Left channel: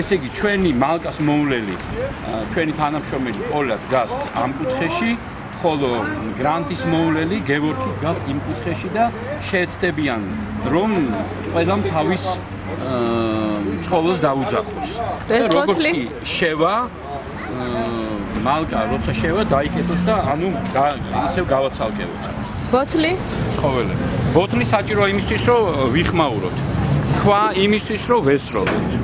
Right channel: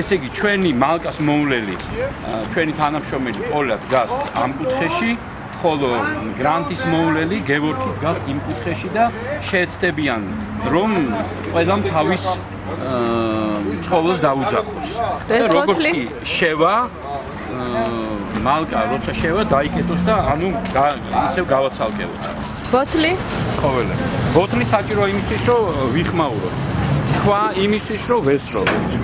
ესე იგი, ჩვენი მალკას მოვლელი, ჩვენი თანამშრომელი პოლა დგას ამ კუთხეში, ხოლო გრანტის მოვლელი გევორგი დგას იმ კუთხეში და შეეცდებიან, რომ ყველამ თავის ცხოველს დაუძახოს. როგორც კი შევა მალკა როცა შევა დაიკეტოს და ანუ ისევ გავაცალკევოთ. ბოთლი? ცხოველები. ბოთლი საჭიროა იმისთვის, რომ ვიხმაუროთ. თქვა იმისთვის, რომ ვესროლოთ.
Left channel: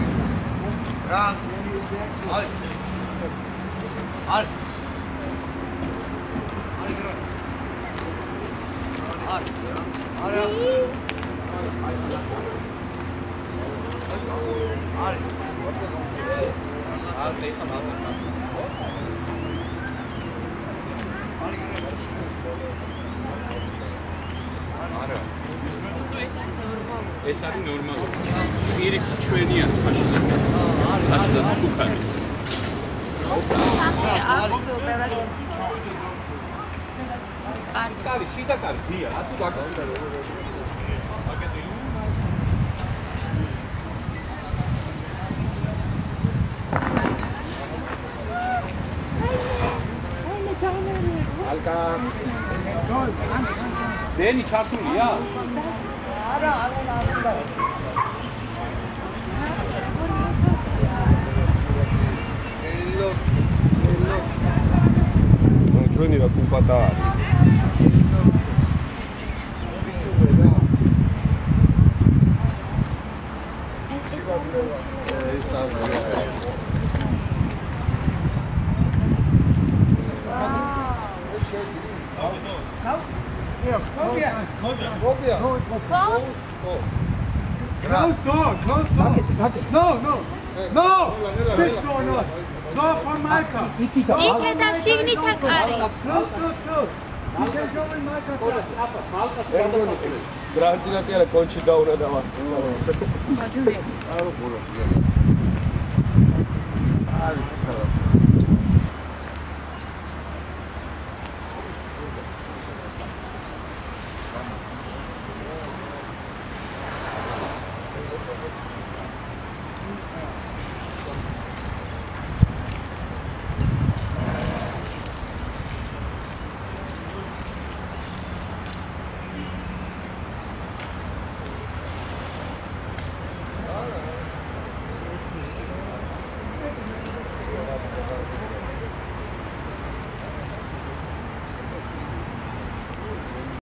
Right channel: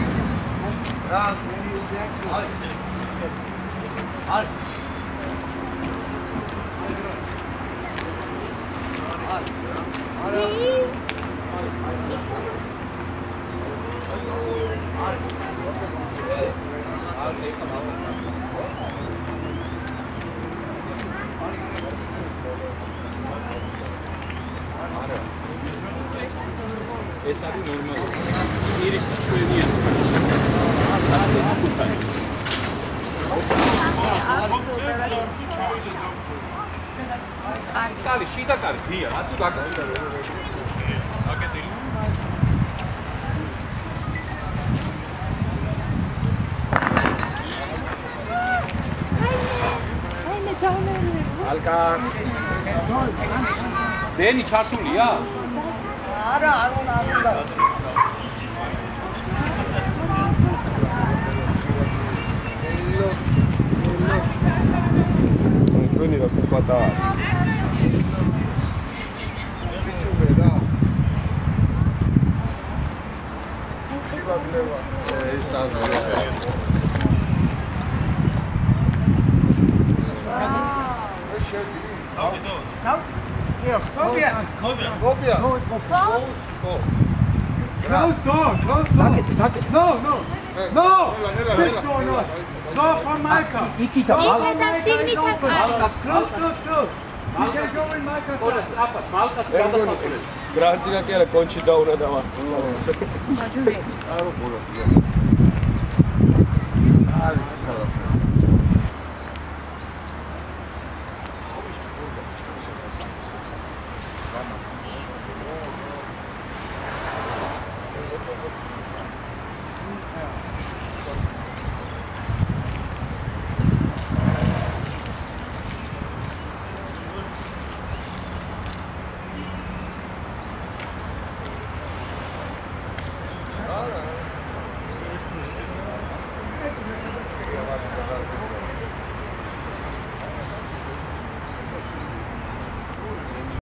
ეს არის ნორმალური. პირიქით ჩვენია ხაშხი. ასე ხუთანი. კარი, შიდა კარი, დია, რატო გაკეთდა? აკეთილი. ალკა. დენი ჩართულია? არა, არ უნდა. ჩვენი რა კუპატა არის. ეს Close door. No. This door not. Door for Micah. იქეთა შიგნითა კარი. Close. You can go in Micah's house. გრანტინა კი არა კონჩი დაურა და ვარ. მაჯურე. არა, ბოლო.